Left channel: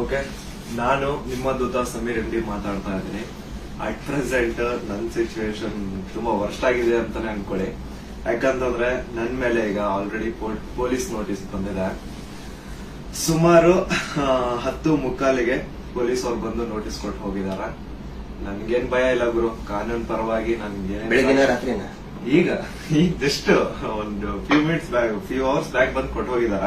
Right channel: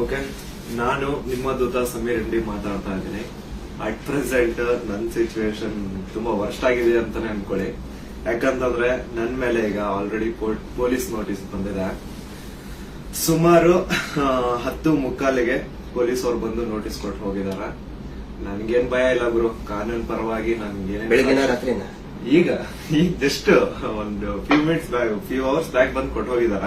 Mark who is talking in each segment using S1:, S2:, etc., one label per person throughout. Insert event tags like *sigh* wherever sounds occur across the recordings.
S1: okay ನಾನು ನಿಮ್ಮ ದೂತ ಸಮೀರ್ ರೆಡ್ಡಿ ಮಾತಾಡ್ತಾ ಇದ್ದೀನಿ ಅಟ್ ಪ್ರೆಸೆಂಟ್ ನನ್ನ ಸಿಚುವೇಶನ್ ತುಂಬಾ ವರ್ಸ್ಟ್ ಆಗಿದೆ ಅಂತಾನೆ ಅನ್ಕೊಳ್ಳಿ ಯಾಕಂತಂದ್ರೆ ನನ್ ಮೇಲೆ ಈಗ ಆಲ್ರೆಡಿ ಪೊಲೀಸ್ ನೋಟಿಸ್ ಬಂದಿದೆ ಸುಮಾರು ಹತ್ತು ಮುಕ್ಕಾಲಿಗೆ ಪೊಲೀಸ್ ಅವ್ರು ಬಂದು ನೋಟಿಸ್ ಕೊಟ್ಟು ಹೋಗಿದಾರ ನನ್ಗೇನ್ ಭಯ ಇಲ್ಲ ಗುರು ಕಾನೂನು ಪರವಾಗಿ ನನ್ಗೆ ಈಗ *laughs* ಈಗ ಜಸ್ಟ್ ಒಂದು few minutes back few hours back ಬಂದು ಕೊಟ್ಟು ಹೋಗಿದಾರ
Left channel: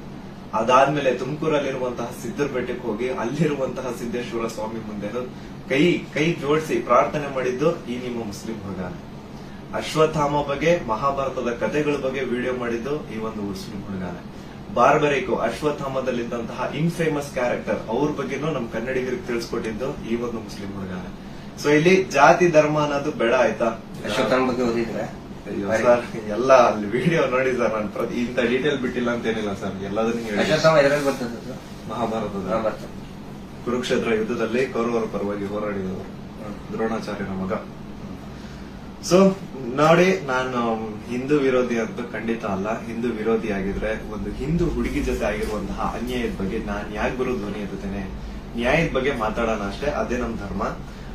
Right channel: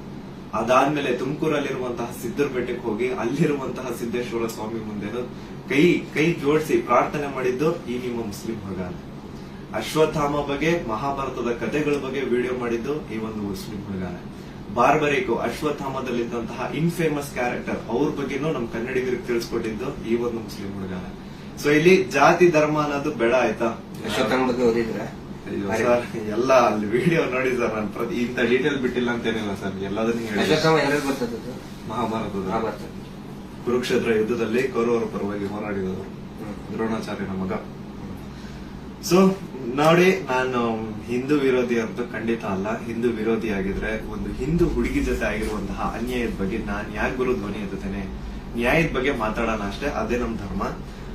S1: ಅದಾದ್ಮೇಲೆ ತುಮಕೂರಲ್ಲಿರುವಂತಹ ಸಿದ್ದರ ಬೆಟ್ಟಕ್ಕೆ ಹೋಗಿ ಅಲ್ಲಿರುವಂತಹ ಸಿದ್ದೇಶ್ವರ ಸ್ವಾಮಿ ಮುಂದೆನು ಕೈ ಕೈ ಜೋಡಿಸಿ ಪ್ರಾರ್ಥನೆ ಮಾಡಿದ್ದು ಈ ನಿಮ್ಮ ಮುಸ್ಲಿಂ ಹುಡುಗಾನೆ ಅಶ್ವತ್ಥಾಮ ಬಗ್ಗೆ ಮಹಾಭಾರತದ ಕಥೆಗಳ ಬಗ್ಗೆ ವಿಡಿಯೋ ಮಾಡಿದ್ದು ಈ ಒಂದು ಮುಸ್ಲಿಂ ಹುಡುಗಾನೆ ಬಾರ್ಬರಿಕು ಅಶ್ವತ್ಥಾಮದಲ್ಲಿದ್ದಂತಹ ಇನ್ ಫೇಮಸ್ ಕ್ಯಾರೆಕ್ಟರ್ ಅವ್ರ ಬಗ್ಗೆನೂ ನಮ್ ಕನ್ನಡಿಗರಿಗೆ ತಿಳಿಸ್ಕೊಟ್ಟಿದ್ದು ಈ ಒಂದು ಮುಸ್ಲಿಂ ಹುಡುಗಾನೆ ಸೊ ಇಲ್ಲಿ ಜಾತಿ ಧರ್ಮ ಅನ್ನೋದು ಬೇಡ ಆಯ್ತಾ
S2: ಅಶ್ವತ್ಥಾಮ ಬಗ್ಗೆ ಓದಿದ್ರೆ ಎಲ್ಲ ಅಲ್ಲಿ ವಿಡಿಯೋ ನೋಡಿ ಸರ್ ನಾನು ಪ್ರತಿ ಇಂಥ ಡೀಟೇಲ್ ಬಿಟ್ಟಿಲ್ಲ ಅಂತೇನಿಲ್ಲ ಸರ್ ಎಲ್ಲಾದ್ರೂ ಮಹಾಭಾರತದ ಕುರುಕ್ಷೇತ್ರ ಯುದ್ಧದಲ್ಲಿ ಕೌರವರ ಪರವಾಗಿ ಹೋರಾಡಿದವರು ದ್ರೋಣಾಚಾರ್ಯನ ಮಗ ಸೊ ನೋಡಿ ನಾನು ಹಿಂದೂ ವಿರೋಧಿ ಅಂತ ಖಂಡಿತ ಅಲ್ಲ ಹಿಂದೂ ವಿರೋಧಿ ಆಗಿದ್ರೆ ಒಂದು ಹಿಂದೂ ಹುಡುಗಿ ಜೊತೆ ಆಗಿರುವಂತಹ ಅನ್ಯಾಯದ ಬಗ್ಗೆ ನಾನು ಯಾಕೆ ಬರೋ ಧ್ವನಿ ಎತ್ತೇನೆ ನ್ಯಾಯದ ಬಗ್ಗೆ ಮಾತಾಡೋಣ ಅಷ್ಟೇ ಅದೇ ನಮ್ಮ ಧರ್ಮ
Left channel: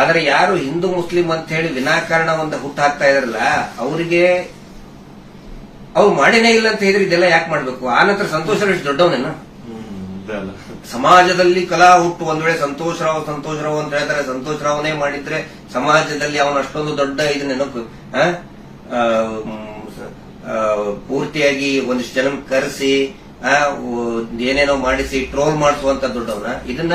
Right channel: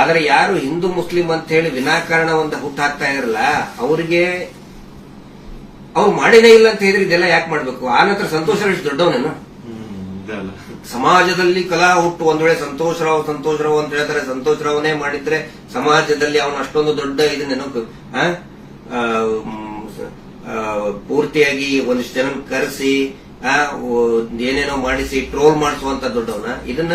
S2: ಆದರೆ ಯಾರು ಹಿಂದೂ ಮುಸ್ಲಿಂ ಅಂತ ಹೇಳಿ ವಿನಾಕಾರಣ ಒಂದು ಹುಟ್ಟು ಹಾಕ್ತಾ ಇದ್ರಲ್ಲ ಅವರಿಗೆ ಅವ್ರು ಮಾಡಿನೇ ಇಲ್ಲ ಅಂತ ಹೇಳಿದ್ರೆ ಇದೆಲ್ಲ ಯಾಕೆ ಮಾಡಬೇಕು ಆ ನಂತರ ಸಂತೋಷ ಎಷ್ಟು ದೊಡ್ಡವನೇನ ಸಮಾಜದಲ್ಲಿ ಕಲಾ ಹುಟ್ಟು ಒಂದ್ ವೇಳೆ ಸಂತೋಷರಾವ್ ಸಂತೋಷರಾವ್ ಅಂತ ಹೇಳ್ತಾರೆ ಸಂತೋಷರಾವನೇ ಮಾಡಿದ್ರೆ ಸಮಾಜದಲ್ಲಿ ಅವನ ಅಷ್ಟೊಂದು ದೊಡ್ಡ ಇದು ನೆನಪು ಪೂರ್ತಿಯಾಗಿ ಒಂದಿಷ್ಟು ಜನ ಕರೆಸಿ ಏನೇನೋ ಮಾಡಿಸಿ ಟ್ರೋಲ್ ಮಾಡಿಸುವಂತ ದೊಡ್ಡವನ ಇದನ್ನ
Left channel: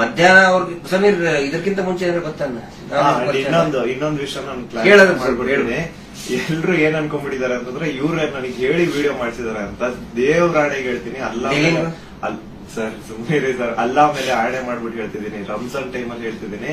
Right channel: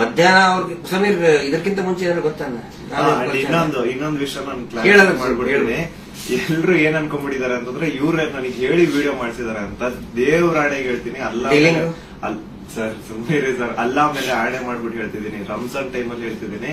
S2: ಮಧ್ಯಾಹ್ನ ಅವ್ರಿಗೆ ಸಮೀರ್ ಇದಕ್ಕಿಂತ ಮುಂಚೆ ಏನಾದ್ರು ಗೊತ್ತಾನ ಇನ್ನೊಂದು ಇನ್ನೊಂದು ವಿಷಯ ನಾನು ಕ್ಲಾರಿಫೈ ಎಲ್ರು ಏನ್ ಅನ್ಕೊಂಡ್ಬಿಟ್ಟಿದ್ದಾರೆ ಅಂತಂದ್ರೆ ಇವ್ರ ನನಗೆ ಹೇಳಿ ವಿಡಿಯೋ ಮಾಡ್ಸಿದಾರೆ ಅಂತ ದೇವ್ರಾಣೆಗೆ ಹೇಳ್ತೀನಿ ಅಲ್ಲ ಸರ್ ಸುಮ್ಮನೆ ಸರ್ ಅಲ್ಲ ಮೇಲೆ ಆಣೆ ಮಾಡ್ಬಿಟ್ಟು ಹೇಳ್ತಿದ್ದೀನಿ ರಂಜಾನ್ ಟೈಮಲ್ಲಿ ಹೇಳ್ತಿದ್ದೀನಿ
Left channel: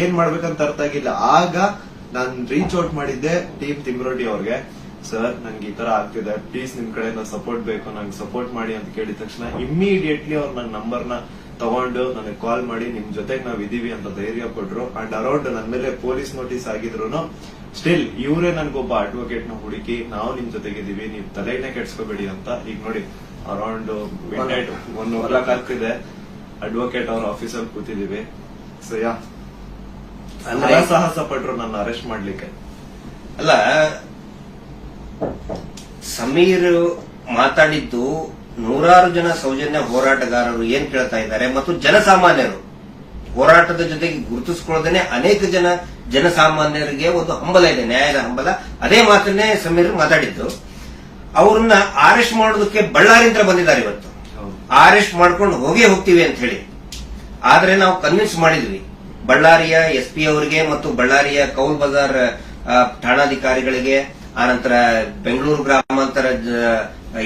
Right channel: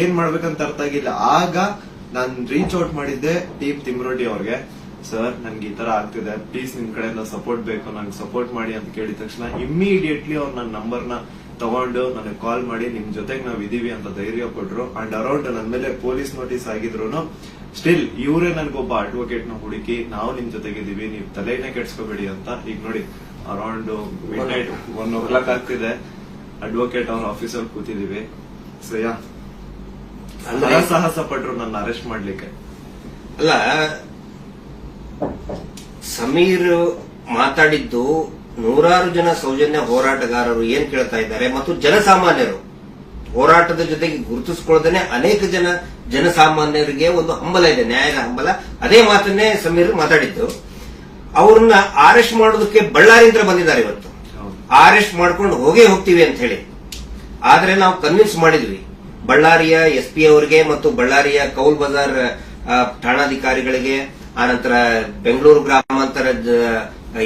S2: ಏನ್ ಮಾಡ್ಬೇಕಂತ ಅರ್ಥ ಆಗಿಲ್ಲ ಆಗ ನಾನು ರೀಚ್ ಔಟ್ ಮಾಡಿದ್ದೆ ದೀಪ್ ತಿಮ್ರೋಟಿ ಅವ್ರಿಗೆ ಸರ್ ನನ್ಗೆ ಈ ತರ ಆಗ್ತಿದೆ ಪ್ಲೀಸ್ ನಿಮ್ ಕಡೆ ಸಪೋರ್ಟ್ ಬೇಕು ನಂಗೆ ಸಪೋರ್ಟ್ ಮಾಡಿ ಅಂತ ಕೇಳಿದ ತಕ್ಷಣ ಇಮ್ಮಿಡಿಯೇಟ್ಲಿ ಅವ್ರು ನನ್ನ ನಂಬರ್ನ ತಗೊಂಡು ನನಗೆ ಕಾಲ್ ಮಾಡಿ ನಿಮ್ ಜೊತೆಗೆ ನಾವ್ ಇದೀವಿ ಅಂತ ಧೈರ್ಯ ಕೊಟ್ರು ಅಂಡ್ ಅರೌಂಡ್ ನನ್ನ ಮೇಲೆ ಪೊಲೀಸ್ ನೋಟಿಸ್ ಆಗಿದ್ರು ಸ್ಟಿಲ್ ಇವರೇ ನನ್ಗೊಬ್ಬ ಅಡ್ವೊಕೇಟ್ ನ ಹುಡುಕಿ ನಾವು ನಿಮ್ ಜೊತೆಗೆ ಇದೀವಿ ನೀವು ತಲೆನೇ ಕೆಡ್ಸ್ಕೋಬೇಡಿ ಅಂತ ಈಗ ನೋಡಿ ಅರೌಂಡ್ ಒನ್ ಓ ಕ್ಲಾಕ್ ಆಗ್ತಿದೆ ಅಡ್ವೊಕೇಟ್ ಅವ್ರ ಆಫೀಸಲ್ಲಿ ಕೂತಿದೀವಿ ಸೊ ಸಾಹಸ ಪಟ್ರು ನನ್ನ ಅರೆಸ್ಟ್ ಮಾಡ್ಲಿಕ್ಕೆ ಅಲ್ಲ ಸಮೀರ್ ಮಾತಾಡಿದ್ದು ನೂರಾರು ಜನ ಸೌಜನ್ಯ ಹೋರಾಟಗಾರರು ಏನ್ ಕೇಳ್ತಾ ಇದ್ದಾರೆ ಮತ್ತು ಜನಸಾಮಾನ್ಯರು ಹೋರಾಟದ ಜೊತೆಗೆ ಗುರುತಿಸಿಕೊಳ್ಳದೇನೆ ಅನೇಕ ಜನ ಜನಸಾಮಾನ್ಯರಿಗೆ ಒಂದು ಹಂಬಲ ಇದೆ ನ್ಯಾಯದ ಹಂಬಲ ಅದೇ ಮಾತನ್ನೇ ಸಮೀರ್ ಮಾತಾಡಿದ್ದು ಅವ್ರನ್ನ ಅರೆಸ್ಟ್ ಮಾಡೋದಕ್ಕೆ ಬಳ್ಳಾರಿಂದ್ರ ಬಂದಿದ್ದಾರೆ ಇವತ್ತು ಅರೆಸ್ಟ್ ಮಾಡ್ಕೊಂಡು ಹೋಗೇ ಹೋಗ್ತೀವಿ ಅಂತ ಹೇಳಿ ಆದ್ರೆ ನಾವು ಕನ್ವಿನ್ಸ್ ಮಾಡಿದ್ವಿ ಬಳ್ಳಾರಿಯ ಎಸ್ಪಿ ಅವರಿಗೆ ಮತ್ತು ಬಳ್ಳಾರಿಯ ಕೌಲ್ ಬಜಾರ್ ಠಾಣಾಧಿಕಾರಿಗಳಿಗೆ ಆನಂತರ ಬೆಂಗಳೂರು ಗ್ರಾಮಾಂತರ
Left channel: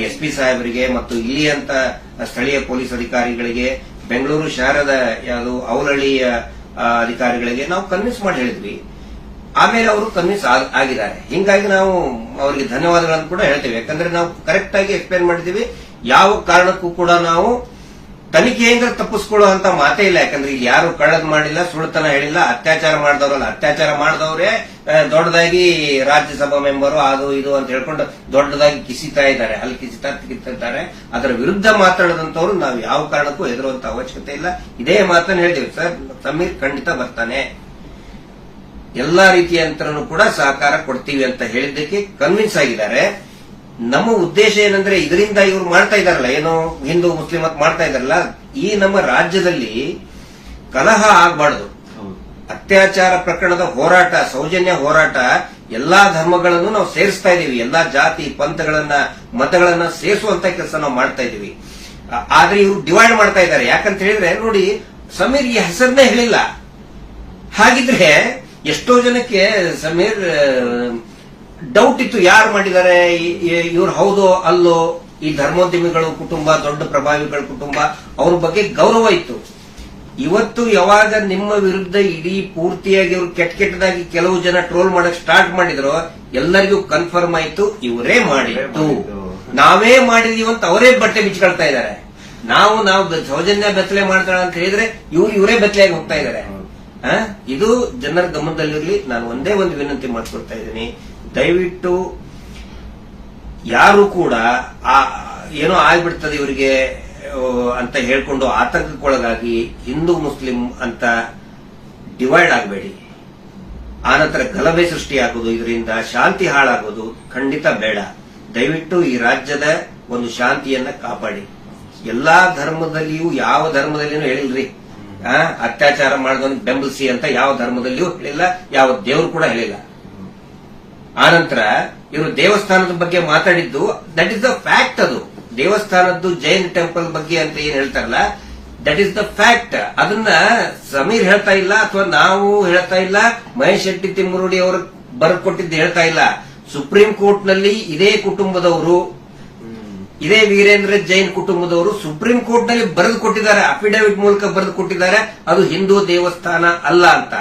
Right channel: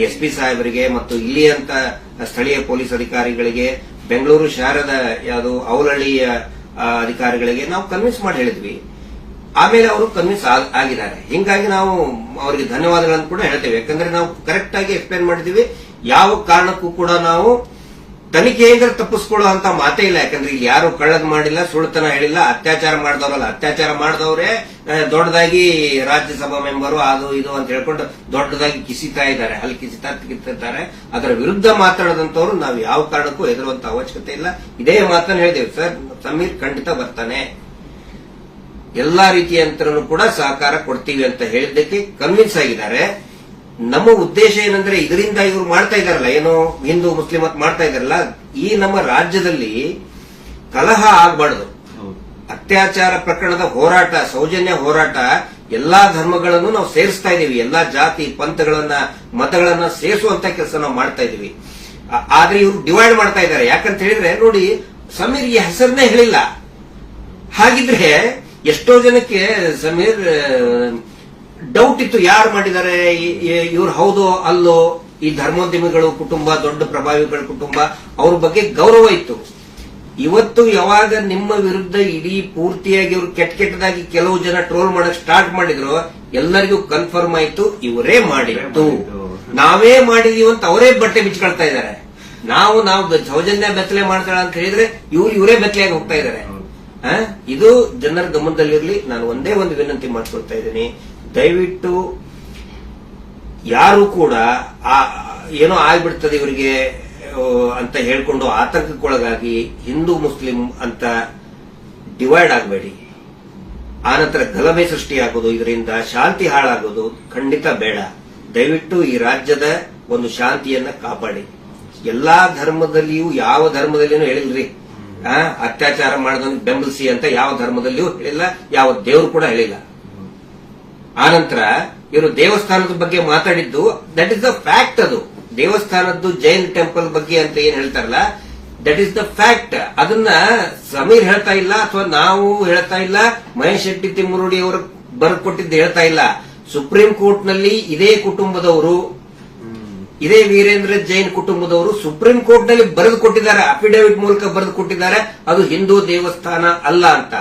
S2: ಎಸ್ಪಿ ಸಾಹೇಬರಿಗೆ ಮತ್ತು ಇಲ್ಲಿಯಂತ ಸ್ಥಳೀಯ ಪೊಲೀಸ್ ಅಧಿಕಾರಿಗಳಿಗೆ ಬೆಂಗಳೂರು ಶಹರದ ಯಾವುದು ಅವಲಹಳ್ಳಿಯ ಅಧಿಕಾರಿಗಳಿಗೆ ನಾವು ಕನ್ವಿನ್ಸ್ ಮಾಡಿ ಹೇಳಿದ್ವಿ ಆಮೇಲೆ ಅವರು ಕನ್ವಿನ್ಸ್ ಆಗಿದ್ದಾರೆ ಹಿಂಗಾಗಿ ನಾವು ಅವರಿಗೆ ಧನ್ಯವಾದಗಳನ್ನು ಕೂಡ ಹೇಳ್ತೇವೆ ಯಾಕಂದ್ರೆ ನಾವು ಕರೆಕ್ಟ್ ಆಗಿ ಎಕ್ಸ್ಪ್ಲೇನ್ ಮಾಡಿದ್ದೀವಿ ಯಾವ ಕಾರಣಕ್ಕೂ ಕೂಡ ನಾವು ತನಿಖೆಯಿಂದ ತಪ್ಪಿಸ್ಕೊಳ್ಳೋ ಅಂತ ಮಾತೇ ಇಲ್ಲ ಯಾಕಂದ್ರೆ ಇಲ್ಲಿ ಯಾರು ಕಳ್ಳದ್ ಮಾಡಿಲ್ಲ ಸುಳ್ತನ ಹೇಳಿಲ್ಲ ಅತ್ಯಾಚಾರ ಮಾಡಿದವರಲ್ಲ ಅತ್ಯಾಚಾರ ಮಾಡಿದವರೇ ದೊಡ್ಡದಾಗಿ ರಾಜ್ಯಸಭಾ ಮೆಂಬರು ಅದು ಇದು ಅಂತ ಹೇಳ್ಕೊಂಡು ದೊಡ್ಡದಾಗಿ ಕಿಸಿತಾ ಇದ್ದಾರೆ ಅಲ್ಲಿ ಕಿಸಿತಾ ಇದ್ದಾರೆ ಅದರ ವಿರುದ್ಧ ಮಾತಾಡದಂತವರು ನಾವು ಯಾವ ಕಾರಣಕ್ಕೂ ಹೆದರುವಂತ ಅವಶ್ಯಕತೆ ಇಲ್ಲ ಇದೇ ಮಾತನ್ನು ಹೇಳಿದೆವು ಸರ್ ಸಮೀರ್ ಖಂಡಿತ ಬರ್ತಾನೆ ಎಲ್ಲಾ ರೀತಿಯ ಕೂಡ ಸಹಕಾರ ಕೊಡ್ತೀವಿ ಅಂತ ಹೇಳಿದ್ದಕ್ಕೆ ಕನ್ವಿನ್ಸ್ ಆಗಿದ್ದಾರೆ ನಮ್ಮ ಉದ್ದೇಶ ಏನಂದ್ರೆ ಇದರಿಂದ ಇವರು ಮಾಡ್ತಾ ಇದಾರಲ್ಲ ಏನೋ ಹಿಂದೂ ಮುಸ್ಲಿಂ ಅಂತ ಮಾಡ್ತಾ ಇದಾರಲ್ಲ ಈ ನಮ್ಮ ರಾಜ್ಯದಲ್ಲಿ ಕಲಹ ಆಗಬಾರ್ದು ಅತ್ಯಾಚಾರ ಪ್ರಕರಣದ ಹೋರಾಟ ಸೌಜನ್ಯ ಹೋರಾಟ ಎಲ್ಲಾ ಧರ್ಮಗಳನ್ನು ನಾವು ಸೇರಿಸ್ತಾ ಇದೀವಿ ಎಲ್ಲಾ ಜಾತಿ ಪಂಥಗಳನ್ನ ಮತಗಳನ್ನ ಸೇರಿಸುವಂತ ಕೆಲಸ ನಾವು ಮಾಡ್ತಾ ಇದೀವಿ ಆದ್ರೆ ಇವರು ಡಿವೈಡ್ ಮಾಡ್ತಾ ಇದ್ದಾರೆ ಯಾಕಂತ ಹೇಳಿದ್ರೆ ನೋಡಿ ಸಮೀರ್ ಈ ಹೆಸರನ್ನೇ ಹೇಳಿಲ್ಲ ಹಾಗಿದ್ರೆ ಎಷ್ಟೋ ಜನಕ್ಕೆ ಸಮೀರ್ ಡೌಟ್ ಇತ್ತು ಯಾರು ಮಾಡಿದ್ದಾರೆ ಇವ್ರು ಹೌದು ಅಲ್ಲೋ ಈ ಧರ್ಮೋದ್ಯಮಿಗಳು ಕುಟುಂಬ ದೊಡ್ಡ ಪ್ರಭಾವಿಗಳ ಕುಟುಂಬ ಅವ್ರ ಬಗ್ಗೆ ಗೌರವ ಇತ್ತು ಇವತ್ತು ಯಾವಾಗ ನಿಮ್ಮ ವಿರುದ್ಧ ಇಡೀ ಪೂರ್ತಿಯಾಗಿ ಇವರು ಕೆಟ್ಟ ಕೆಟ್ಟದಾಗಿ ಕೆಲವು ಜನ ಟ್ರೋಲ್ ಮಾಡಕ್ ಸ್ಟಾರ್ಟ್ ಮಾಡಿದ್ರು ಎಲ್ಲರಿಗೂ ಕನ್ಫರ್ಮ್ ಆಯ್ತು ಇವರೇ ಮಾಡಿತ್ತು ನಾವೇ ಮಾಡಿದೀವಿ ಅಂತ ಅವರೇ ಬಟ್ಟೆ ಬಿಚ್ಕೊಳ್ತಾ ಇದ್ದಾರೆ ನಾವು ನಾವು ಸೌಜನ್ಯ ಬೆತ್ತಲೆ ಮಾಡ್ತಾಳ ಅಂತ ಹೇಳಿದ್ರೆ ಇವ್ರು ಇವರೇ ಬೆತ್ತಲೆಯಾಗಿ ಹೋಗ್ತಾ ಇದ್ದಾರೆ ಇದು ಜನರ ಗಮನದಲ್ಲಿರ್ಲಿ ನಾನು ಒಂದೇ ಒಂದು ವಿನಂತಿ ಮಾಡ್ಕೊಳ್ತಾ ಇದ್ದೀನಿ ದಯವಿಟ್ಟು ಯಾರು ಕೂಡ ಆ ಏನೋ ಆಗ್ಬಿಡ್ತದೆ ಇವರಿಗೆ ಅಂತ ಹೇಳ್ಕೊಂಡು ಆತಂಕಕ್ಕೊಳಗಾಗಿ ಹಿಂದೂ ಮುಸ್ಲಿಂ ಅಂತ ಡಿವೈಡ್ ಆಗಬೇಡಿ ಆನಂತರ ಗಲಭೆ ಸೃಷ್ಟಿಯಾಗೋದು ಇದರಿಂದ ಶಾಂತಿ ಹಾಳಾಗೋದು ಖಂಡಿತ ಬೇಡ ದಯವಿಟ್ಟು ಈ ರಾಜ್ಯದ ಒಂದು ಶಾಂತಿಯನ್ನ ಕಾಪಾಡಿ ಎಲ್ಲಾ ಧರ್ಮದಲ್ಲಿಯೂ ಯಾವ ಧರ್ಮದಲ್ಲಿನೂ ಹೇಳಿಲ್ರಿ ಅತ್ಯಾಚಾರ ಮಾಡೋದನ್ನು ಬೆಂಬಲಿಸಿ ಅಂತ ಯಾವ ಧರ್ಮದಲ್ಲಿಯೂ ಹೇಳಿಲ್ಲ ಯಾವ ದೇವರು ಕೂಡ ಹೇಳಿಲ್ಲ ಆನಂತರ ಇವರು ದೇವಸ್ಥಾನದ ಬಗ್ಗೆ ಮಾತಾಡಿದ್ದು ದಟ್ ಇಸ್ ದ ಫ್ಯಾಕ್ಟ್ ಅದು ದೇವಸ್ಥಾನದ್ದು ಜೈನ್ ಟೆಂಪಲ್ ಬಗ್ಗೆ ಅಂತ ಏನ್ ಹೇಳ್ತಾರಲ್ಲ ದಟ್ ಇಸ್ ದ ಫ್ಯಾಕ್ಟ್ ಅದನ್ನ ಸಮೀರ್ ಹೇಳ್ತಾ ಇಲ್ಲ ಅಥವಾ ನಾವು ಹೇಳ್ತಾ ಇಲ್ಲ ಮಹೇಶ್ ಶೆಟ್ಟಿ ತಿಮ್ಮುರುಡಿ ಅವರು ಬರ್ಕೊಟ್ಟಿದ್ದು ಹೇಳ್ತಾ ಇಲ್ಲ ಸುಪ್ರೀಂ ಕೋರ್ಟ್ ನಲ್ಲಿ ಇದೇ ಕುಟುಂಬದವರು ಇದೇ ವೀರೇಂದ್ರ ಜೈನ್ ಕುಟುಂಬದವರು ಸುಪ್ರೀಂ ಕೋರ್ಟ್ ನಲ್ಲಿ ಬರೆದು ಕೊಟ್ಟಿದ್ದಾರೆ ಅಫಿಡವಿಟ್ ಮೂಲಕ ಬರೆದು ಕೊಟ್ಟಿದ್ದಾರೆ ಅದು ಹಿಂದೂ ದೇವಸ್ಥಾನ ಅಲ್ಲ ಅಂತ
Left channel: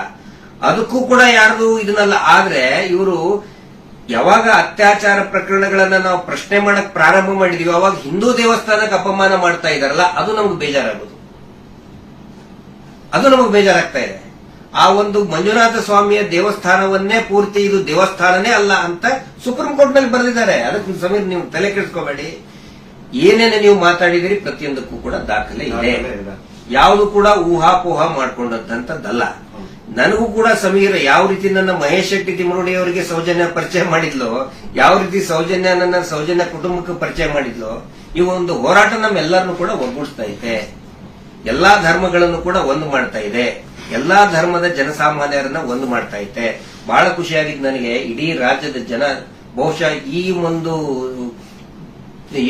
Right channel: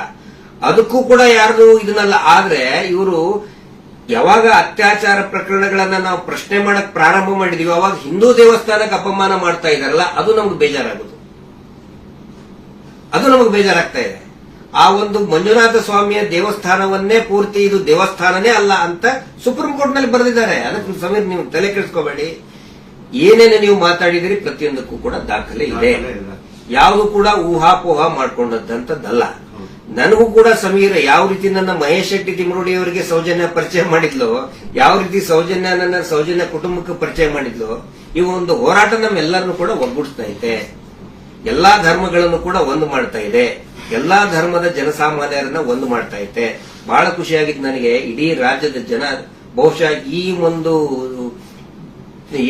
S2: ಅದಕ್ಕೂ ಕೂಡ ಯಾರ್ದು ಇದನ್ನಲ್ಲ ಆದ್ರೆ ಇವರು ಯಾವಾಗ ಅತ್ಯಾಚಾರ ಪ್ರಕರಣಗಳನ್ನ ನಾವು ಪ್ರಶ್ನೆ ಮಾಡಕ್ ಪ್ರಾರಂಭ ಮಾಡಿದೀವಿ ಅವಾಗ ಹಿಂದೂ ದೇವಸ್ಥಾನಕ್ಕೆ ಅಪಮಾನ ಮಾಡ್ತಾ ಇದಾರಲ್ಲ ಅದು ನಮ್ಗೆ ಬೇಜಾರಾಗೋದು ಅದು ನಮಗೆ ಬೇಜಾರಾಗ್ತಾ ಇದೆ ಆ ಒಂದು ಮಂಜುನಾಥ ಸ್ವಾಮಿಯ ದೇವಸ್ಥಾನವನ್ನೇ ಪೂರ್ತಿ ಇದು ದೇವಸ್ಥಾನನೇ ಅಲ್ಲ ಅಂತ ಸುಪ್ರೀಂ ಕೋರ್ಟ್ ನಲ್ಲಿ ಬರೆದಿದ್ದಾರೆ ಅದಕ್ಕೆ ಸಮೀರ್ ನೀವು ತಲೆ ಕೆಡಿಸ್ಕೋಬೇಡಿ ಏನೇನು ನೀವು ಮಾತಾಡಿದಿರಿ ಪ್ರತಿಯೊಂದಕ್ಕೂ ಕೂಡ ದಾಖಲೆ ಇದೆ ಯಾವುದು ಕೂಡ ಊಹಾಪೋಹ ಮಾಡಿಕೊಂಡಂತದ್ದಲ್ಲ ನನಗೂ ಕೂಡ ಸಮೀರ ಯಾವ ರೀತಿ ನನ್ನ ಮಹೇಶ್ ಶೆಟ್ಟಿ ತಿಮರುಡಿ ಅವರಿಗೆ ಸೌಜನ್ಯ ಪರಿಚಯ ಮಾಡಿದ್ಲು ಯಾವ ರೀತಿ ಸೌಜನ್ಯ ನನ್ನ ಸೌಜನ್ಯ ಕುಟುಂಬಕ್ಕೆ ಪರಿಚಯ ಮಾಡಿದ್ಲು ಈ ಒಂದು ಹೋರಾಟ ನಮ್ಮೆಲ್ಲರನ್ನು ಕೂಡ ಒಗ್ಗೂಡಿಸ್ತಾ ಇದೆ ಎಲ್ಲಾ ಧರ್ಮಗಳನ್ನು ಕೂಡ ಒಂದು ಮಾಡ್ತಾ ಇದೆ ಎಲ್ಲಾ ಧರ್ಮದ ಜನಸಾಮಾನ್ಯರನ್ನ ಒಂದು ಮಾಡ್ತಾ ಇದೆ ಬಹಳ ಖುಷಿಯಾಗಿದ್ದು ನನಗೆ ಇಡೀ ರಾಜ್ಯದ ಜನ ಬಹುಶಃ ಈ ಒಂದು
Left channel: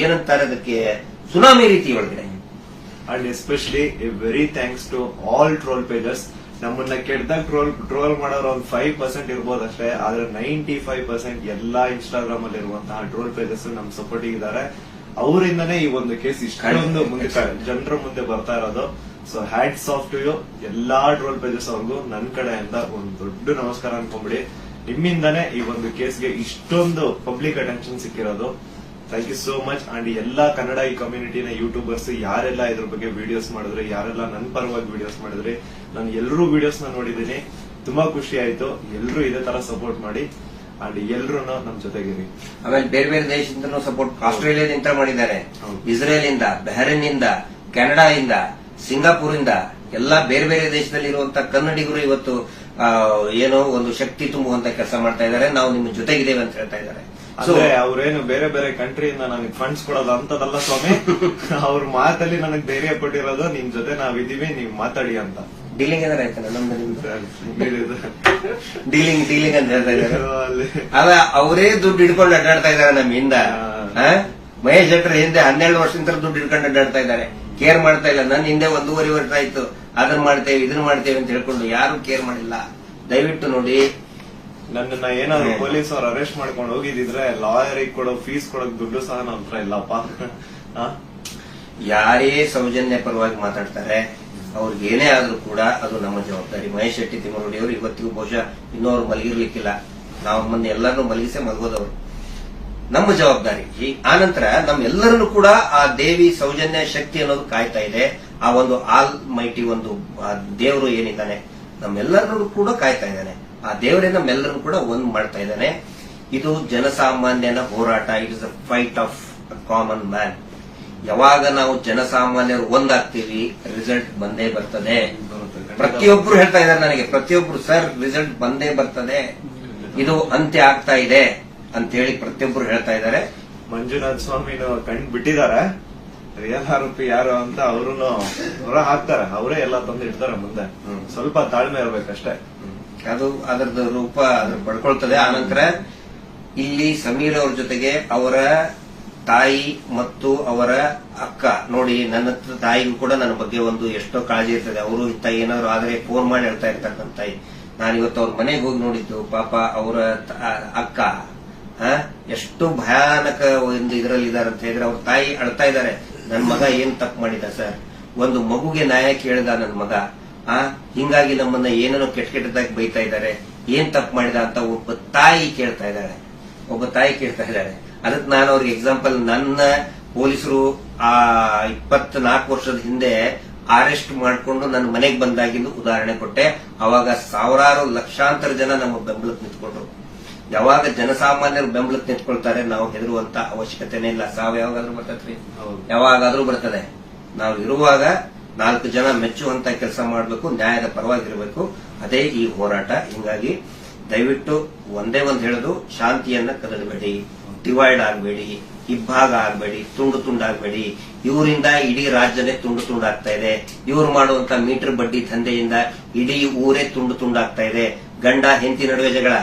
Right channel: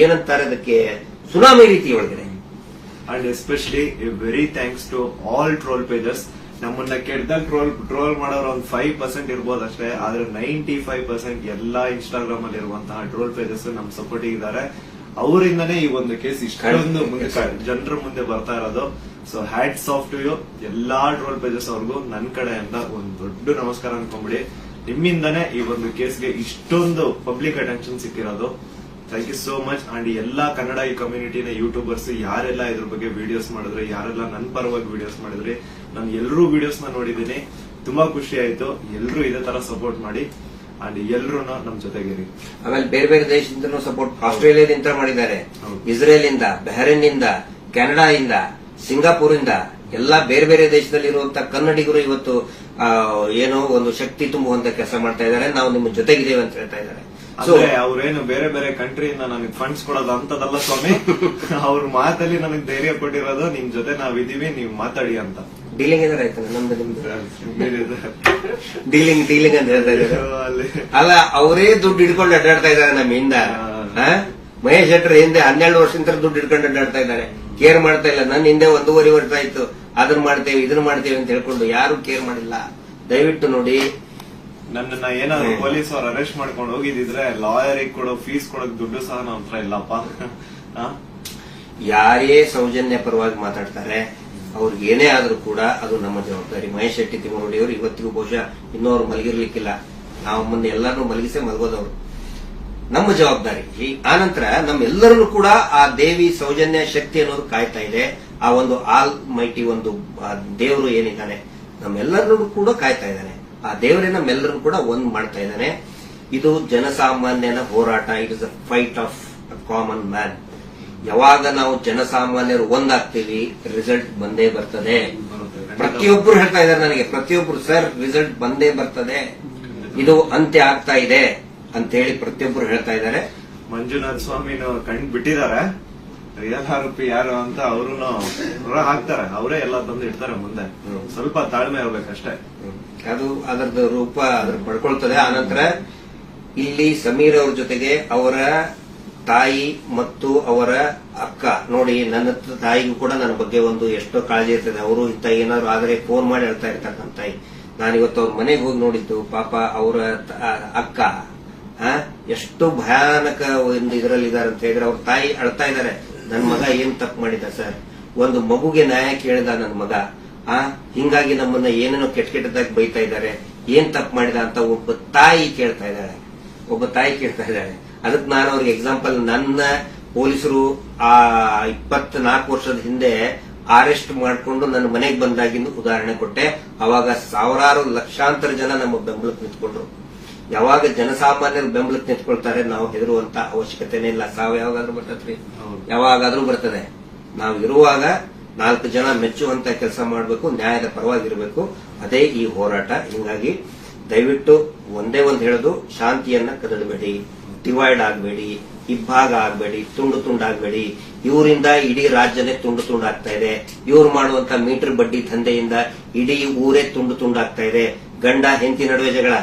S2: ಏನಂತಾರೆ ಅದಕ್ಕೆ ಸುನಾಮಿ ರೀತಿ ಒಳಗಡೆ and especially very thanks to all troll pagers ನಮ್ಮನ್ನ ಕೆಟ್ಟದಾಗ ಟ್ರೋಲ್ ಟ್ರೋಲ್ ಮಾಡೋರು ಒಂದು ಫೈವ್ ಪರ್ಸೆಂಟ್ ಇರ್ಬೋದು ಅಷ್ಟೇ ಆದ್ರೆ ನೈಂಟಿ ಫೈವ್ ಪರ್ಸೆಂಟ್ ಎಲ್ಲಾ ಇನ್ಸ್ಟಾಗ್ರಾಮ್ ಅಲ್ಲಿ ಇರುವಂತಹ ಟ್ರೋಲ್ ಪೇಜಸ್ ನಮ್ ಸಪೋರ್ಟ್ ಇದ್ದಾರೆ ಅವರಿಂದನೇ ಈ ಒಂದು ಕೇಸ್ ಇಷ್ಟೊಂದು ಮುಂದೆ ಜನರ ಮುಂದೆ ಬರ್ತಾ ಇರೋದು so hats off to you ಎಲ್ಲಾ ಟ್ರೋಲ್ ಪೇಜಸ್ ಅವ್ರಿಗೂ ನನ್ನ ಅಂತ ಒಂದು ದೊಡ್ಡ ನಮಸ್ಕಾರ ಅನ್ಕೊಂಬಿಡಿ ನಿಮ್ಮಿಂದನೇ ಈ ಒಂದು ಕೇಸ್ಗೆ ಇಷ್ಟೊಂದು ಪಬ್ಲಿಕ್ ಅಟೆನ್ಷನ್ ಸಿಕ್ಕಿರೋದು thank you so much and ಎಲ್ಲಾ ಕನ್ನಡ ಈ ಕಮ್ಯುನಿಟಿನ ಯೂಟ್ಯೂಬರ್ಸ್ ಯಾರೆಲ್ಲ ಇದ್ರ ಬಗ್ಗೆ ವಿಡಿಯೋಸ್ ಮಾಡಿದ್ರೆ ಯಾರೆಲ್ಲ ನನ್ನ ಪರವಾಗಿ ವಿಡಿಯೋಸ್ ಮಾಡಿದ್ರೆ ನಾನು ಎಲ್ಲರೂ ವಿಡಿಯೋಸ್ ನ ನೋಡಿದ್ದೀನಿ ತುಂಬಾ ಖುಷಿ ಆಯ್ತು ಎಲ್ಲರೂ ಇದೇ ತರ ಸಪೋರ್ಟ್ ಮಾಡಿ ಅಂಡ್ ಎಲ್ಲರೂ ನಮ್ ಜೊತೆಗಿರಿ ಆಮೇಲೆ ಬೇರೆ ಬೇರೆ ದೇಶದಿಂದ ಸಪೋರ್ಟ್ ಆಸ್ಟ್ರೇಲಿಯಾದಿಂದ ಮಾಡಿದ್ದಾರೆ ಇಸ್ರೇಲ್ ಇಂದ ಬೆಹರಿನ್ ಇಂದ ಕೆನಡಾ ಇಂದ ಸಿಂಗಾಪುರ್ ಇಂದ ಎಲ್ಲಾ ಬೇರೆ ಬೇರೆ ದೇಶದಲ್ಲಿ ಇರುವಂತಹ ಕನ್ನಡಿಗರು ಇವತ್ತು ಏನೋ ಒಂದು ಶಕ್ತಿ ತುಂಬುವಂತ ಕೆಲಸ ಮಾಡ್ತಾ ಇದ್ದಾರೆ ನಾವು ನಿಮ್ಮ ಜೊತೆಗಿದ್ದೇವೆ ಅಂತ ಹೇಳ್ತಾ ಇದ್ದಾರೆ ಅಂದ್ರೆ ಅವ್ರೇನು ಬೇರೆ ಬೇರೆ ಕಂಟ್ರಿಯಿಂದ ನನಗೆ ಫಂಡ್ಸ್ ಕೊಡೋದು ಅಂತದಲ್ಲ ಸ್ವಾಮಿ *laughs* ಅವ್ರ ಮಾತಲ್ಲಿ ನನಗೆ ಧೈರ್ಯ ಕೊಟ್ಟಿರೋದು ನಿಮ್ ಜೊತೆ ನಾವಿದೀವಿ ನೀವು ಮಾತಾಡಿ ಅಂತ ಡೀಲಿಂಗ್ ಅಂದ್ರೆ ಆಯ್ತಲ್ಲ ನಮ್ದು ನಿಮ್ದು ಡೀಲಿಂಗ್ ಡೀಲಿಂಗ್ ಅಂತ ಹೇಳ್ತಾ ಅಲ್ಲ ಅವರೇ ದುಡ್ಡು ಹಿಡ್ಕೊಂಡು ಅಡ್ಡಾಡ್ತಾ ಇದ್ದಾರೆ ನಮ್ಮಿಂದ ಮಹೇಶ್ ಶೆಟ್ಟರ್ ಹಿಂದೆ ಹನ್ನೆರಡು ವರ್ಷದಿಂದ ದುಡ್ಡು ಇಡ್ಕೊಂಡು ಅಡ್ಡಾಡ್ತಾ ಇದ್ದಾರೆ ಕೇರ್ ಮಾಡ್ತಾ ಇಲ್ಲ ನನ್ನ ಹಿಂದೆ ಒಂದೂವರೆ ವರ್ಷ ಆಯ್ತು ಅದನ್ನ ಮಾಡ್ತೇವೆ ಇದನ್ನ ಮಾಡ್ತೇವೆ ಅಂತ ಹೇಳ್ಕೊಂಡು ಯಾರು ಕೇರ್ ಮಾಡಿಲ್ಲ ದಯವಿಟ್ಟು ನೋಡಿ ನನ್ನ ಏನಾದ್ರು ಪೊಲೀಸ್ ಅವ್ರು ಅರೆಸ್ಟ್ ಮಾಡ್ಕೊಂಡು ಹೋಗಿದ್ರೆ ಲಾಯರಿಗೆ ಕೊಡೋ ಫೀಸ್ ಕೊಡೋಕ್ ದುಡ್ಡು ಸಹ ನಮ್ಮ ಹತ್ರ ಇಲ್ಲಪ್ಪ ಯಾರೇ ಸೌಜನ್ಯ ಪರವಾಗಿ ಮಾತಾಡ್ತಾರೆ ಅವ್ರಿಗೆ ಏನೇ ಆದರೂ ಕೂಡ ಅದು ನಮ್ಮ ಜವಾಬ್ದಾರಿ ಮಹೇಶ್ ಶೆಟ್ಟಿ ತಿಮ್ಮನೋಡಿ ಅವರು ಇವತ್ತಿಗೂ ಬಹುಶಃ ಇನ್ನೂ ಅವ್ರು ಮಲಗಿರ್ಲಿಕ್ಕಿಲ್ಲ ನಾವು ಮೊನ್ನೆ ಎಲ್ಲರನ್ನೂ ಮಲಗಿಸೇ ಮಲಗೋದವರು ನಮ್ಮ ಜವಾಬ್ದಾರಿ ಆನಂತರ ನಂತರ ನಮ್ಮೆಲ್ಲರನ್ನು ಕೂಡ ಆ ದೇವಿ ಸೌಜನ್ಯ ಶಕ್ತಿ ಅನ್ನೋದು ಕಾಯ್ತಾ ಇದೆ ಆ ಒಂದು ಆಲ್ ಮೈಟಿ ಒಂದು ದೇವರು ಏನಿದ್ದಾನೆ ನಮ್ಮೆಲ್ಲರನ್ನು ಕೂಡ ಕಾಯ್ತಾ ಇದ್ದಾನೆ ಆ ದೇವರೇ ನಮ್ಮೆಲ್ಲರನ್ನೂ ಕೂಡ ಒಂದು ಮಾಡ್ತಾ ಇದ್ದಾನೆ ಇದು ಜನಸಾಮಾನ್ಯನ ಹೋರಾಟ it is a fight of common man ಯಾವಾಗ ನಾವು ಜನಸಾಮಾನ್ಯರು ಒಂದಾಗ್ತೀವಿ ರಿಸಲ್ಟ್ ಬಂದೇ ಬರ್ತದೆ ಪ್ರತಿಯೊಬ್ಬರು ಹೇಳ್ತಾ ಇದ್ದಾರೆ ನನಗೆ ಪ್ರತಿಯೊಬ್ಬರು ಸರ್ ರಿಸಲ್ಟ್ ಬಂದೇ ಬರ್ತದೆ ಇದು ಅಂತ್ಯ ಆಗ್ತಾ ಇದೆ ಅಂತ ಹೇಳಿ ಪ್ರತಿಯೊಬ್ಬರು ಹೇಳ್ತಾ ಇದ್ದಾರೆ ಮಂಜುನಾಥ್ ಸ್ವಾಮಿನವ್ರು ಕಂಡು ಬಿಟ್ಟಿದ್ದಾರೆ ರಿಯಲ್ ಆರೋಪಿ ಯಾರು ಅಂತ ಅವರು ಹೊರ ಹಾಕ್ತಾರೆ ಅವರೇ ಎಲ್ಲ ತಂದು ಇಡ್ತಾರೆ ಮುಂದೆ ಸ್ವಲ್ಪ ತಾಳ್ಮೆ ಇರಬೇಕಷ್ಟೇ ಅದು ಅದರದ್ದು ರೂಪ ಪಡ್ಕೊಳ್ತದೆ ಆನಂತರ ಇಲ್ಲಿ ಸಮೀರ್ ಅವ್ರ ಜೊತೆಗೆ ಅವರ ತಾಯಿ ಮತ್ತು ಅವರ ಅಕ್ಕ ನೋಡಿ ನನ್ನ ತಾಯಿಗೂ ಕೂಡ ನನ್ನ ಬಗ್ಗೆ ಒಂದು ಎಷ್ಟೋ ಕಾಳಜಿ ಇರ್ತದೆ ಅವರು ತಾಯಿ ಏನಾದ್ರು ಆದರೆ ಫೋನ್ ಮಾಡಿ ಹೇಳ್ತಾ ಇರ್ತಕ್ಕಂಥ ತಾಯಿ ನಾನು ಇವತ್ತು ಅವ್ರ ಮನೆಗೆ ಹೋಗಿ ನೋಡಿದ್ದು ಪಾಪ ಅವರ ಅಕ್ಕ ಎಷ್ಟು ಭಯಾನಕ ಒಂದು ಇದರಲ್ಲಿ ಇದಾರೆ ಅಂತ ಹೇಳಿದ್ರೆ ಅವ್ರ ತಾಯಿ ಅಳ್ತಾ ಇದ್ದಾರೆ ನನ್ನ ಮಗ ಏನ್ ತಪ್ಪು ಮಾಡಿದ ಸರ್ ಒಂದು ಮಗುಗೆ ನ್ಯಾಯ ಕೇಳಿದ ನನ್ನ ಮಗ ಆ ಹಿಂಗಾಗಿ ನಮ್ಮನ್ನ ಏನೇನೋ ಕೆಟ್ಟ ಕೆಟ್ಟದಾಗಿ ಬೈತಾ ಇದ್ದಾರೆ ಏನ್ ತಪ್ಪು ಮಾಡಿದ ಅಂತ ಒಬ್ಬ ತಾಯಿ ಕೇಳ್ತಾ ಇದ್ದಾರೆ ಒಬ್ಬ ತಾಯಿ ಕೇಳ್ತಾ ಇದ್ದಾರೆ ಅದಕ್ಕೆ ನಾನು ಅವ್ರಿಗೆ ಎಕ್ಸಾಂಪಲ್ ನನ್ನ ಪೊಲೀಸರು ಆ ನಾಲ್ಕು ವರ್ಷದ ಹಿಂದೆ ಅರೆಸ್ಟ್ ಮಾಡಿಕೊಂಡು ನನ್ನ ಮನೆಗೆ ಬಂದಾಗಿಂದು ಉದಾಹರಣೆ ಕೊಟ್ಟೆ ಅವಾಗ ಸಾವಿರಾರು ಲಕ್ಷಾಂತರ ಜನ ನಮ್ಮ ಬೆಂಬಲಕ್ಕೆ ನಿಂತ್ಕೊಂಡ್ರು ಯಾವಾಗ ಜನಸಾಮಾನ್ಯರು ಬೆಂಬಲಕ್ಕೆ ನಿಂತ್ಕೊಳ್ತಾರೆ ನಾವು ಹೆದರುವಂತ ಅವಶ್ಯಕತೆನೇ ಇಲ್ಲ ಸಾವು ಯಾವಾಗಾದ್ರೂ ಬರ್ತದ್ರಿ ಯಾವಾಗಾದ್ರೂ ಬರ್ತದೆ ನಾವು ಇರುವಾಗ ನಾಲ್ಕು ಜನ ಮೆಚ್ಚುವಂತ ಕೆಲಸ ಮಾಡಬೇಕು ನ್ಯಾಯದ ಪರವಾಗಿರಬೇಕು ಅದೇ ಈ ಹೋರಾಟ ಹಿಂಗಾಗಿ ದಯವಿಟ್ಟು ಒಂದೇ ಒಂದು ಹೇಳುದು ಶಾಂತಿಯನ್ನ ಕದಡಬೇಡಿ ಡಿವೈಡ್ ಆಗಬೇಡಿ ಇಬ್ಬಾಗ ಆಗಬೇಡಿ ತುಂಡು ತುಂಡಾಗಬೇಡಿ ಇವರಿಂದ ಇಡೀ ರಾಜ್ಯನೇ ತುಂಡು ತುಂಡಾಗ್ತಾ ಇದೆ ಇವ್ರು ಮಾಡುವಂತ ಮೀಟರ್ ಬಡ್ಡಿ ದಂಧೆಯಿಂದ ಇಡೀ ಊರೇ ತುಂಡು ತುಂಡಾಗ್ತಾ ಇದೆ ಗಂಡ ಹೆಂಡತಿ ನಡುವೆ ಜಗಳ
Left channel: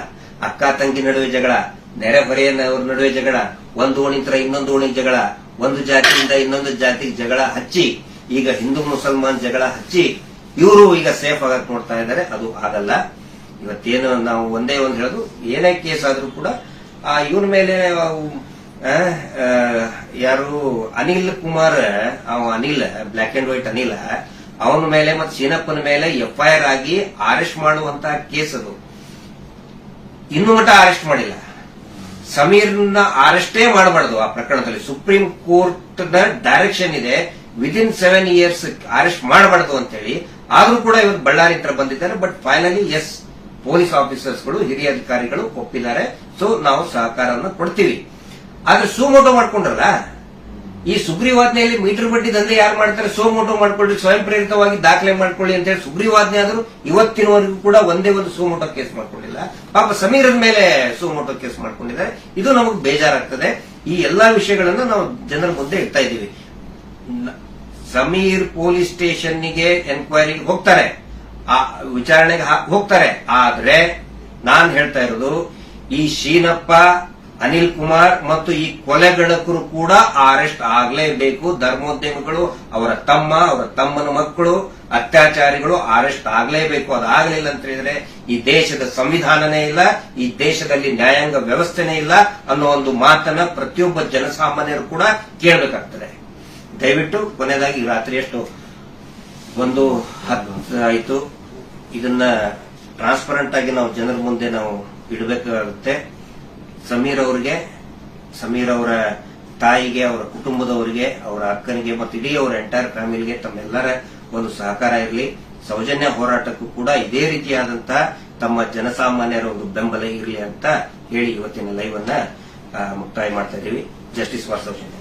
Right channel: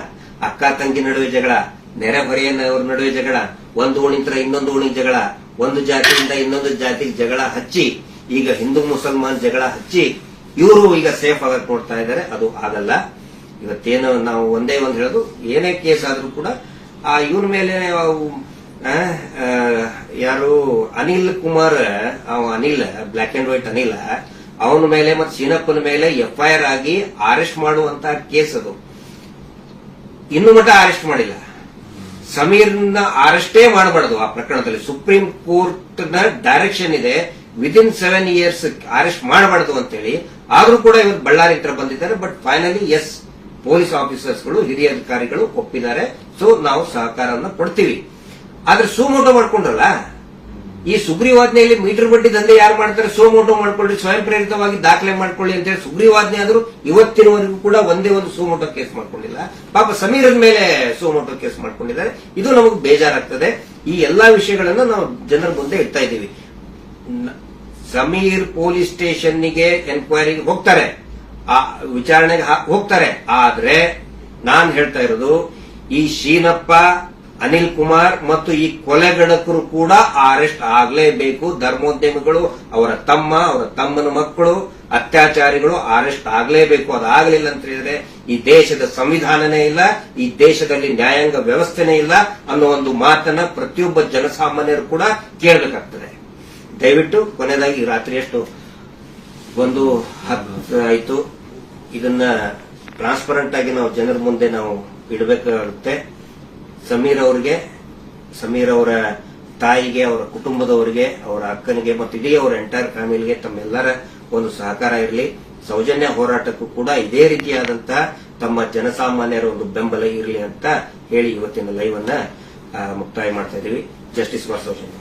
S2: ಅಕ್ಕ ತಂಗಿ ನಡುವೆ ಜಗಳ ನೆರೆಹೊರೆಯವ್ರ ನಡುವೆ ಜಗಳ ಒಂದು ಓಣಿಂತರ ಇನ್ನೊಂದು ಓಣಿ ಜಗಳ ಒಂದು ಜಾತಿಯಿಂದ ಇನ್ನೊಂದು ಜಾತಿಗೆ ಜಗಳ ಹಚ್ಚಿ ಈಗ ಹಿಂದೂ ಮುಸಲ್ಮಾನ್ ಜಗಳ ಹಚ್ಚಿ ಇವರು ಈಗ ಸೇಫ್ ಆಗಕ್ ನೋಡ್ತಾ ಇದ್ದಾರೆ ಅದು ಆಗಲ್ಲ ಇವತ್ತೇನು ನಾವು ಒಂದೇ ಒಂದು ಹೇಳೋದು ಏನೇ ಕೇಸ್ ಆದರೂ ಕೂಡ ಆ ಇವನ ಮೇಲೆ ಯಾರು ಅನಿಲ್ ಕುಮಾರ್ ಅವ Anil black and white Anil ಅವನ ಮೇಲೆ ಮತ್ತೆ ಸೀನಪ್ಪನ ಮೇಲೆ ಎಫ್ಐಆರ್ ಆಗಿ ಅರೆಸ್ಟ್ ಮಾಡುವಂತ ಕೇಸ್ ಅದು ಇನ್ನು ಮಟ್ಟ ಅರೆಸ್ಟ್ ಮಾಡಿಲ್ಲ ಸಮೀರ್ನ ಅರೆಸ್ಟೇ ಮಾಡಬಾರ್ದು ಆ ಪ್ರಕರಣದಲ್ಲಿ ಸುಪ್ರೀಂ ಕೋರ್ಟ್ ನ ಡೈರೆಕ್ಷನ್ ಇದೆ ವಿದಿನ್ ಸೆವೆನ್ ಇಯರ್ಸ್ ಅರೆಸ್ಟ್ ಮಾಡಬಾರ್ದು ಅಂತೇಳಿ ಆದ್ರೂ ಕೂಡ ಇವರು ಬಳ್ಳಾರಿ ಹತ್ರ ಬಂದಿದ್ದಾರೆ ಬಟ್ ಫೈನಲಿ ಎಸ್ ಪೊಲೀಸ್ ಆಫೀಸರ್ಸ್ಗಳು ಹಿರಿಯ ಅಧಿಕಾರಿಗಳು ಒಪ್ಪಿದ್ದಾರೆ ಸೊ ನಾವು ಸಹಕಾರವನ್ನು ಕೊಡ್ತೀವಿ ಆದ್ರೆ ಸುಮೋಟ ಮಾಡ್ಕೊಂಡ್ರಲ್ಲ ಈ ಸುಗ್ರೀವಾಜ್ಞೆಯಲ್ಲಿ ಮೀಟರ್ ಬಡ್ಡಿ ದಂಧೆ ಯಾರು ಮಾಡ್ತಾರೆ ಸೋಮೋಟು ಮಾಡ್ಕೊಳ್ಳಿ ಸ್ವಯಂ ಪ್ರೇರಿತವಾಗಿ ದಾಖಲೆ ಮಾಡ್ಕೊಳ್ಳಿ ಅಂತ ಹೇಳಿ ಸುಗ್ರೀವಾಜ್ಞೆ ಆದರೂ ಇವತ್ತಿನವರೆಗೂ ಕೂಡ ಒಂದೇ ಒಂದು ಸೋಮೋಟೋ ಕೇಸ್ ಮಾಡ್ಕೊಂಡಿಲ್ಲ ಪಾಪ ಸಮೀರದ ಮೇಲೆ ಸೋಮೋಟೋ ಕೇಸ್ ಮಾಡ್ಕೊಂಡಿದ್ದಾರೆ ಇದು ನಮಗೆ ಬೇಜಾರಾಗ್ತದೆ ಈ ಎಲ್ಲಾ ವಿಷಯಗಳನ್ನು ನಾವು ಜನರ ಮುಂದೆ ಇಡ್ತಾ ಇದ್ದೀವಿ ಸಮೀರ್ ಪೊಲೀಸ್ ಸ್ಟೇಷನ್ಗೆ ಎನ್ಕ್ವೈರಿ ಹೋಗ್ತಾರೆ ಆ ವಿಚಾರಣೆಗೆ ಹೋಗ್ತಾರೆ ಆದ್ರೆ ನಾನು ಹೇಳ್ತಾ ಇರೋದು ಈ ಶೀನಪ್ಪ ಅನಿಲ್ ಕುಮಾರ್ ಮತ್ತು ಈ ಕೊಲೆಗಡಕರು ಕೂಡ ಅರೆಸ್ಟ್ ಆಗಲೇಬೇಕು ಧರ್ಮೋದ್ಯಮಿಗಳು ಅವರ ತಮ್ಮ ಅವರ ತಮ್ಮನ ಮಕ್ಕಳು ಅತ್ಯಾಚಾರಿಗಳು ಅರೆಸ್ಟ್ ಆಗಲೇಬೇಕು ಅದಾಗಲಿಲ್ಲ ಅಂತ ಹೇಳಿದ್ರೆ ಈ ದೇಶದ ಸಂವಿಧಾನನೇ ಇಲ್ಲ ಈ ದೇಶದಲ್ಲಿ ನ್ಯಾಯಾಂಗ ವ್ಯವಸ್ಥೆನೇ ಇಲ್ಲ ಅನ್ನೋ ಒಂದು ಮಾತನ್ನ ಪ್ರತಿಯೊಬ್ಬ ಜನಸಾಮಾನ್ಯರು ಕೂಡ ಕೇಳಬೇಕಾಗ್ತದೆ ದಯವಿಟ್ಟು ಕೊನೆಯದಾಗಿ ರಾತ್ರಿ ಎಷ್ಟು ಒಂದು ಆಯ್ತು ಆಯಿತು ಇದನ್ನ ಟ್ರಾನ್ಸ್ಪರೆಂಟ್ ಆಗಿ ನಾವು ಜನರ ಮುಂದೆ ನಾವು ಇಡಬೇಕಾಗುತ್ತೆ ಸಮೀರ್ ಅವರಿಗೆ ಸಮೀರ್ ಅವರ ತಾಯಿಗೆ ಅವರ ಕುಟುಂಬದವರಿಗೆ ಅವರ ಅಕ್ಕನಿಗೆ ಮತ್ತು ಇಡೀ ಅವರ ಎಂಟೈರ್ ಫ್ಯಾಮಿಲಿಗೆ ತಮ್ಮೆಲ್ಲರ ಒಂದು ಸಹಕಾರ ಇರಲಿ ಸೌಜನ್ಯ ಹೋರಾಟಕ್ಕೂ ಕೂಡ ಇದೇ ರೀತಿಯಾದಂತಹ ತಮ್ಮ ಜನಸಾಮಾನ್ಯರ ಒಂದು ಬೆಂಬಲ ಇರಲಿ ಅಂತ ಹೇಳಿ ಇವತ್ತಿನ ಲೈವ್ ಅನ್ನ ಮುಕ್ತಾಯ ಮಾಡ್ತಾ ಇದ್ದೀವಿ ಜಸ್ಟಿಸ್ ವಾಸೌಜನ್ಯ